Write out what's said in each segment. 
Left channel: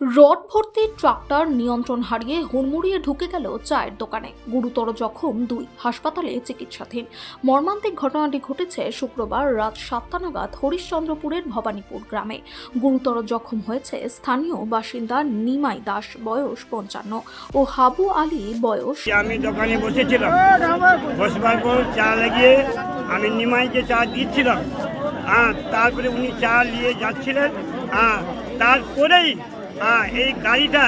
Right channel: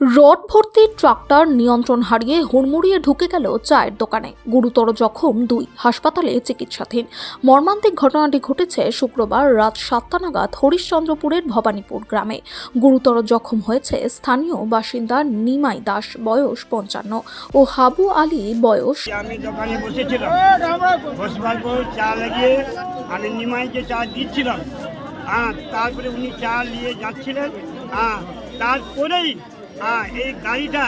Rod ভর্তি tractor নিয়ন্ত্রণ হারিয়ে হুড়মুড়িয়ে ঢুকে গেল চায়ের দোকানে। গুরুতর জখম দুই, হাসপাতালে চিকিৎসাধীন। মর্মান্তিক ঘটনাটি ঘটেছে শুক্রবার রাত সাতটা নাগাদ হরিশ্চন্দ্রপুরের ভবানীপুর গ্রামে। গুরুতর জখম হয়েছে স্থানীয় বাসিন্দা নিমাই দাস, বয়স পঞ্চান্ন, ও হাবু আলী, বয়স আমি দোকানে বসেছিলাম, বসবার পর চা লাগিয়ে আমি নিমাইকে চা দিচ্ছিলাম। তারপরে উনি চা নিয়ে যাচ্ছিলেন। তারপরেই হ্যাঁ এই গাড়িটা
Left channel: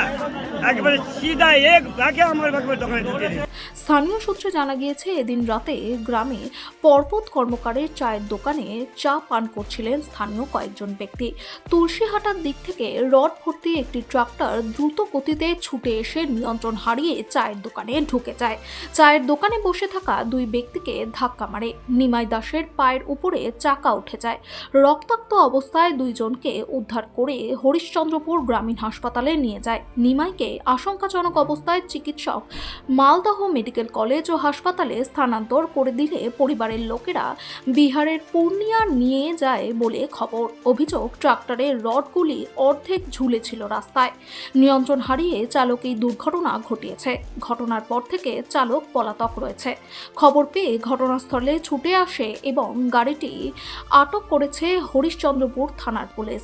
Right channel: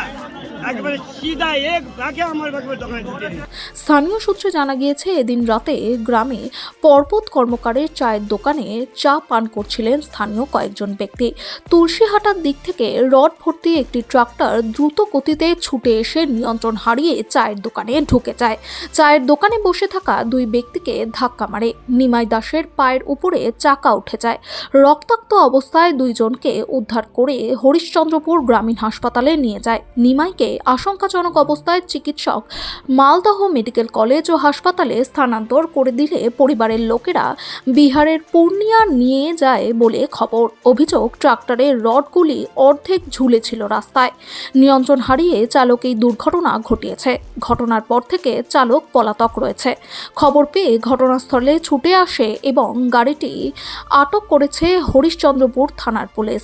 স্থানীয় সূত্রে জানা গিয়েছে, এদিন রাতে গ্রামে পর্বত কর্মকারের চায়ের দোকানে চা পান করছিলেন স্থানীয় কয়েকজন ব্যক্তি। তুলসীহাটার দিক থেকে রড ভর্তি একটি ট্রাক্টর দ্রুত গতিতে ছুটে এসে নিয়ন্ত্রণ হারিয়ে চায়ের দোকানে ঢুকে যায়। চায়ের দোকানে বসে থাকা দুই ব্যক্তিকে ধাক্কা মারে। নিমাই দাসের পায়ের উপরে চাকা উঠে যায়। রক্তাক্ত অবস্থায় দুইজনকে উদ্ধার করে হরিশ্চন্দ্রপুর গ্রামীণ হাসপাতালে নিয়ে যায়। নিমাইকে আশঙ্কাজনক অবস্থায় চিকিৎসক মালদহ মেডিকেল কলেজ ও হাসপাতালে স্থানান্তর করে দিলে পরিবারের লোকেরা বিহারের পূর্ণিয়া নিয়ে যায় বলে খবর। অভিযোগ ট্রাক্টরের রডগুলি অর্ধেক ঝুলেছিল রাস্তায়। নিয়ন্ত্রণ হারিয়ে চালক এই দুর্ঘটনা ঘটিয়েছে। ঘটনার পর থেকে চালক পলাতক রয়েছে। খবর পেয়ে ঘটনাস্থলে ছুটে আসে এবং গাড়িটি আটক করেছে হরিশ্চন্দ্রপুর থানার পুলিশ।